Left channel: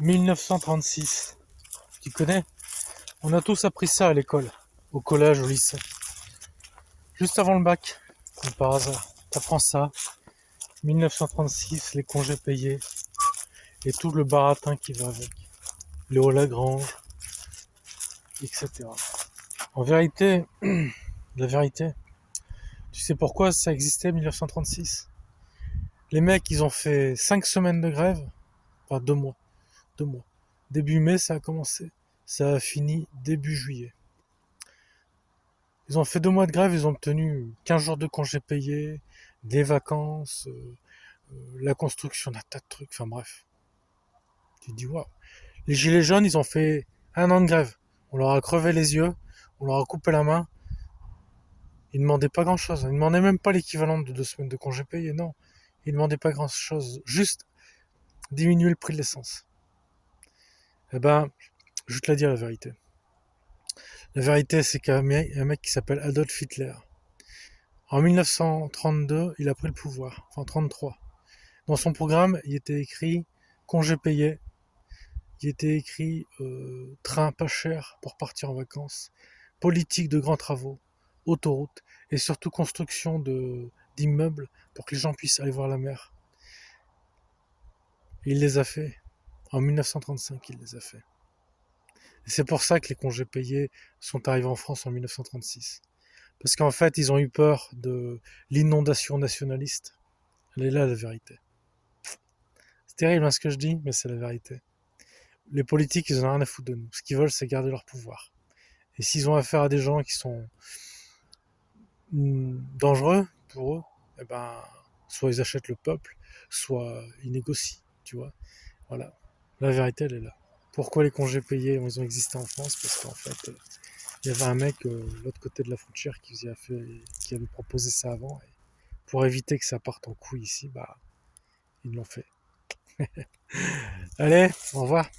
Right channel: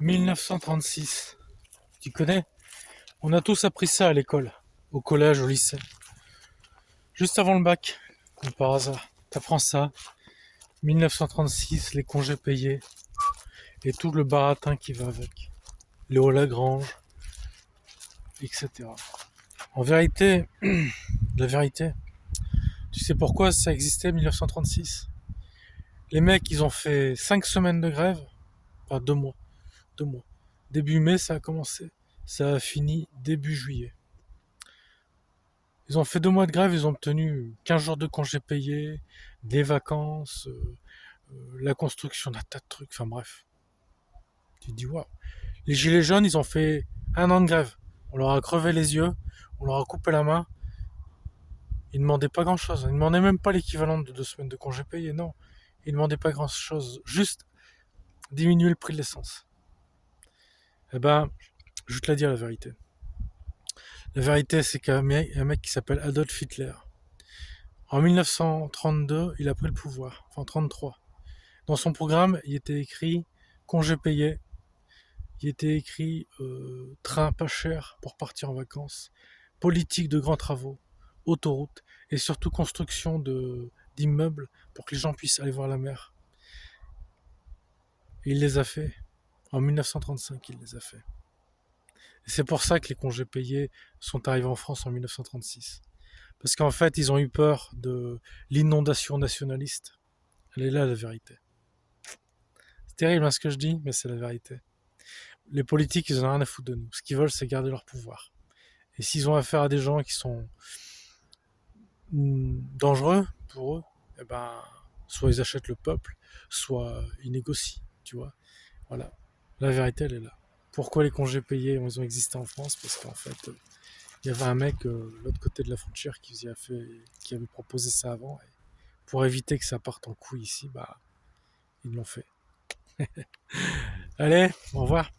1936. Tu connais? On a tous appris ça à l'école, au collège, au lycée. Juste avant le bac, comme par hasard. T'apprends ça. 1936, les congés payés et tout le baratin qui va avec. Léo Lagrange, etc. En vérité, la vérité, tu sais pourquoi ça existait 1936? Les mecs, ils ont fait 5 semaines de grève, enfin 2 mois, 2 mois. Début mai, ça a commencé. Ça a fini début juillet. Ils ont fait 2 mois de grève, ils ont obtenu 15 jours de congés payés, des vacances, la construction d'un tas de trucs, enfin bref. Tu te dis, waouh. Les gilets jaunes, ils ont fait 1 an de grève. On leur a crevé les yeux, on leur a coupé la main. Ils ne demandaient pas grand-chose. Ils ne demandaient même pas l'équivalent de 2 semaines de congés payés, non. Ils ne demandaient pas grand-chose. Juste diminuer le prix de l'essence. Eh ben, je vais te la dire la vérité. La vérité, c'est qu'il y a un mec qui s'appelle Adolf Hitler. En 1932, il a pris le pouvoir. Enfin, 33. Dans son programme, il était écrit congés payés. Il était écrit train pas cher pour partir en vacances. Politique de grands travaux. Autoroute. Et surtout construction d'immeubles pour que les gens puissent aller voir la mer. Et il les a fait. En 1935, il les a fait. Et c'est pour ça que les congés payés sont arrivés en France en 1936. Parce qu'en fait, ils ont eu peur de l'inondation nationaliste. Elle est là, la vérité. C'est terrible ce que je dis, mais c'est la vérité. Les politiques, ils en ont rien à foutre de nous. Ce qu'ils veulent, c'est garder leur pouvoir. Et s'ils ont affaire à des gens qui sont dangereux pour eux, eh ben, soit ils achètent le peuple, soit ils négocient, tu vois. Voilà. La vérité, elle est là. Pourquoi les congés payés, ils ont existé en France? Parce qu'en fait, il y avait un mec de l'autre côté de la frontière qui avait proposé ça avant. Et pour éviter que ça parte en couille ici, bah, ils l'ont fait. Allez, au revoir.